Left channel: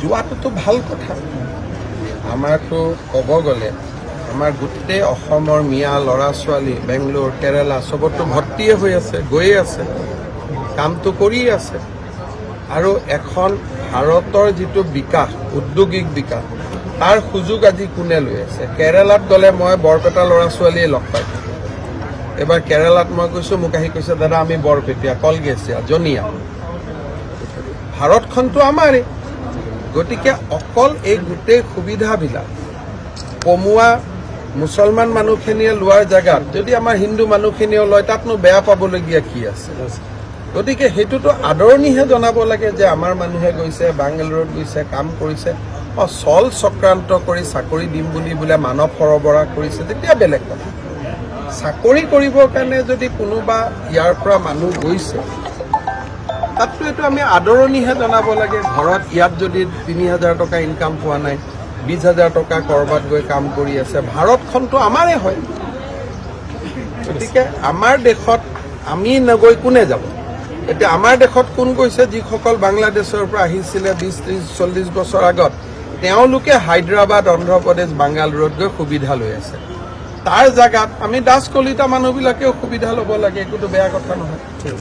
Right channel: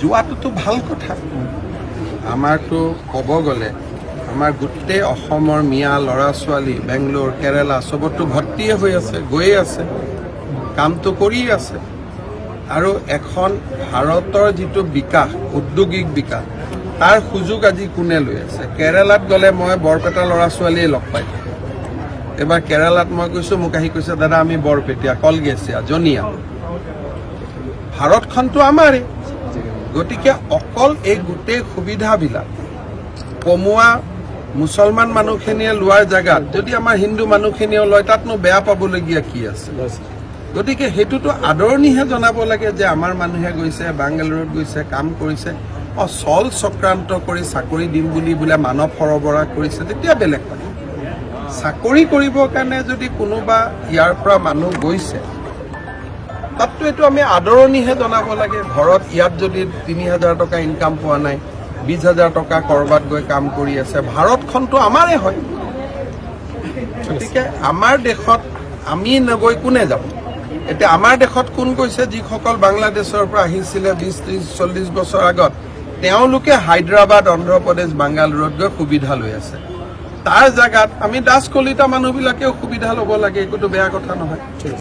যোৱাটোতো ভাল কথা। আমাৰতো ক'ব গ'লে আমাৰ গোটেই অসমৰ মিয়া ল'ৰা ছোৱালী বেংগলোৰ কেৰালা চবতো ভৰ্তিয়ে হৈ আছে, গৈয়ে আছে, কামটো কৰিয়ে আছে। আৰু এখন ভাৰতৰ যিটো বিকাশ, উদ্যোগিক বিকাশ, তাৰ সুযোগ আজি কোনে লৈ আছে? কেৰালাত গ'লে মই বৰপেটা ল'ৰা ছোৱালীয়ে লগ পাইছোঁ। এবাৰ কেৰালাত মই কৈছোঁ, মোক আহি কৈছে, দাদা আমি বৰপেটীয়া, কলগেছিয়া, জনিয়া। ভাৰতখনতো আমাৰে, গতিকে অকল এই গোটেই সুবিধাবিলাক কমোৱা মুছলমান মানুহখিনিয়ে লোৱাৰ জেগাত যদি আমাৰ হিন্দু মানুহখিনিয়েও লয়, তাতনো বেয়া পাবলগীয়া কি আছে? গতিকে সেইটোতো আদৰণিহে জনাব লাগে যে আমাৰ মানুহে গৈছে, বাংগালুৰুত গৈছে, কাম কৰিছে, চল চক্ৰান্ত কৰি চাকৰি দিম বুলি বোলে মানৱ সৰবৰাহ কৰিছে, তেতিয়া বেলেগ কথা। চাকৰি কৰিবৰ কাৰণে যদি কোনোবা ইয়াৰ পৰা মানুহ গৈছে, তাততো এইটো আমি আদৰণিহে জনাব লাগে। ঘৰত ইয়াত যদি ৩,০০০ টকা ইনকাম পোৱা নাই, ২০,০০০ টকা ক'ৰবাত গৈ কাম কৰি আছে, ভাৰতখনতো আমাৰে হয়। গতিকে আমাৰ দেশত আমি নগৈ কোনে যাব? এতিয়া আমাৰ দেশত কোন গৈছে? যিসকল বাংলাদেশৰ পৰা আহিছিলে ২০, ৩০, ৪০ বছৰ আগত, তেওঁলোকে হায়দৰাবাদ, অন্ধ্ৰপ্ৰদেশ, বাংগালুৰুত গৈ সুবিধা লৈ আছে। তাৰ জেগাত আমি দাস কলিতা মানুহবিলাকেও সুবিধা ল'ব লাগে, একোতো বেয়া কথা নহয়।